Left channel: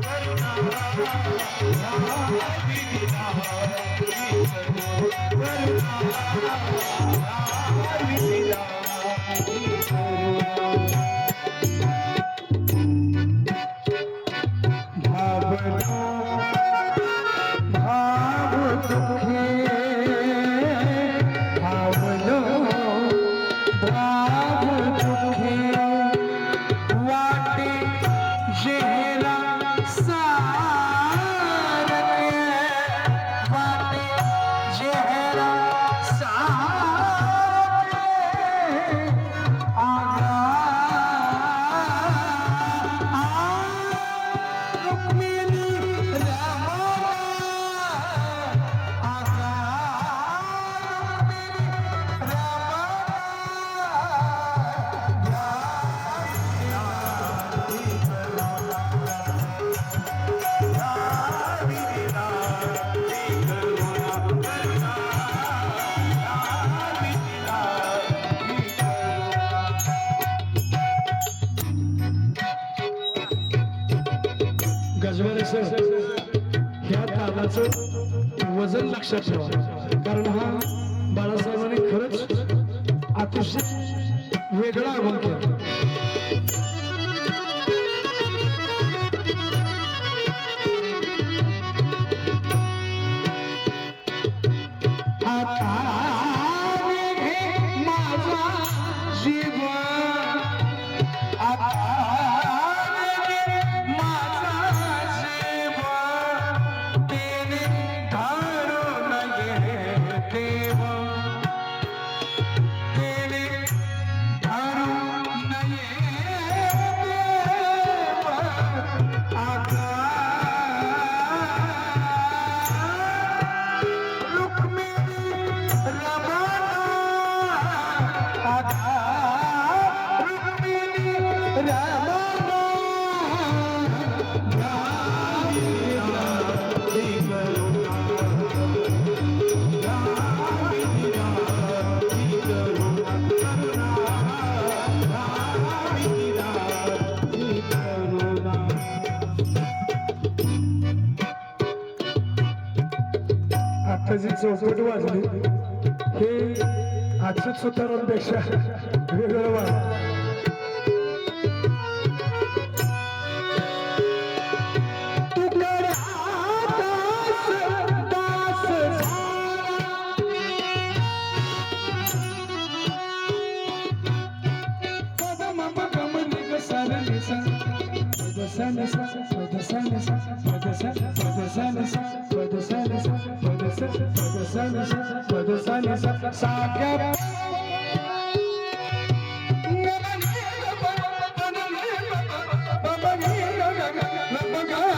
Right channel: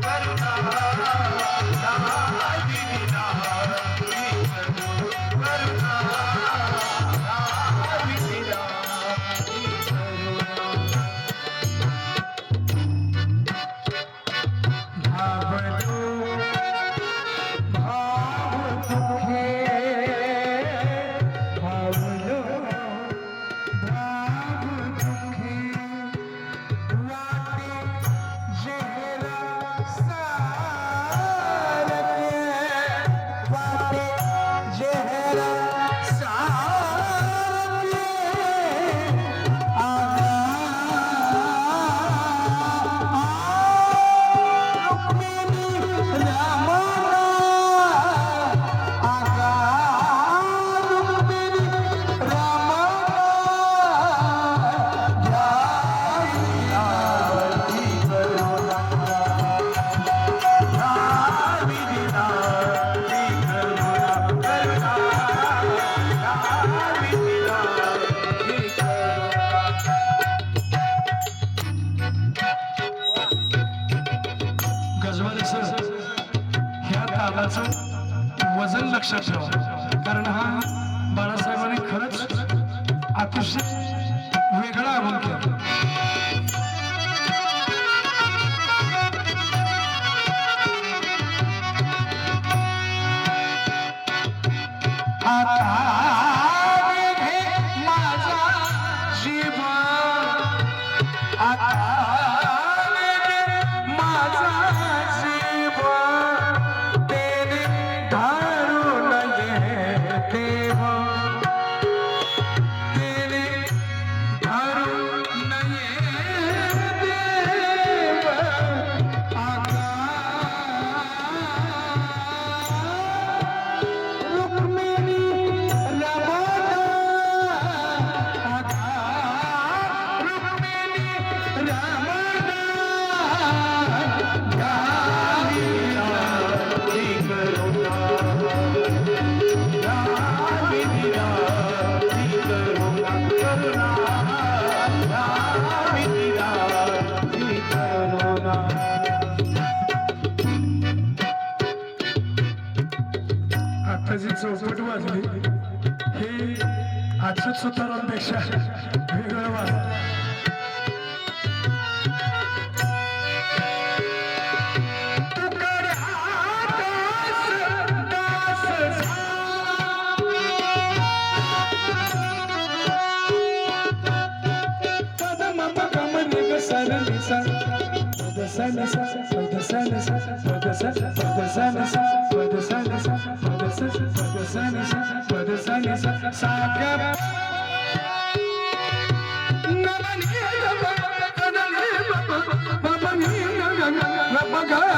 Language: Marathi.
Thank you. जसं ह्या तालाचं वजन लक्षात ठेवा. कारण हा बाळासाहेबांनी खरंच अतिशय वेगळा अभंग केला. आता जी चौपट वाजली. हे आजच्या सुतारांपेक्षा वेगळं वाज तुकडा दास दास पदम पगम निग सन निसा पद सन सा पद सन सा पद सन पद सन सा पद सन सा पद सन Bye-bye.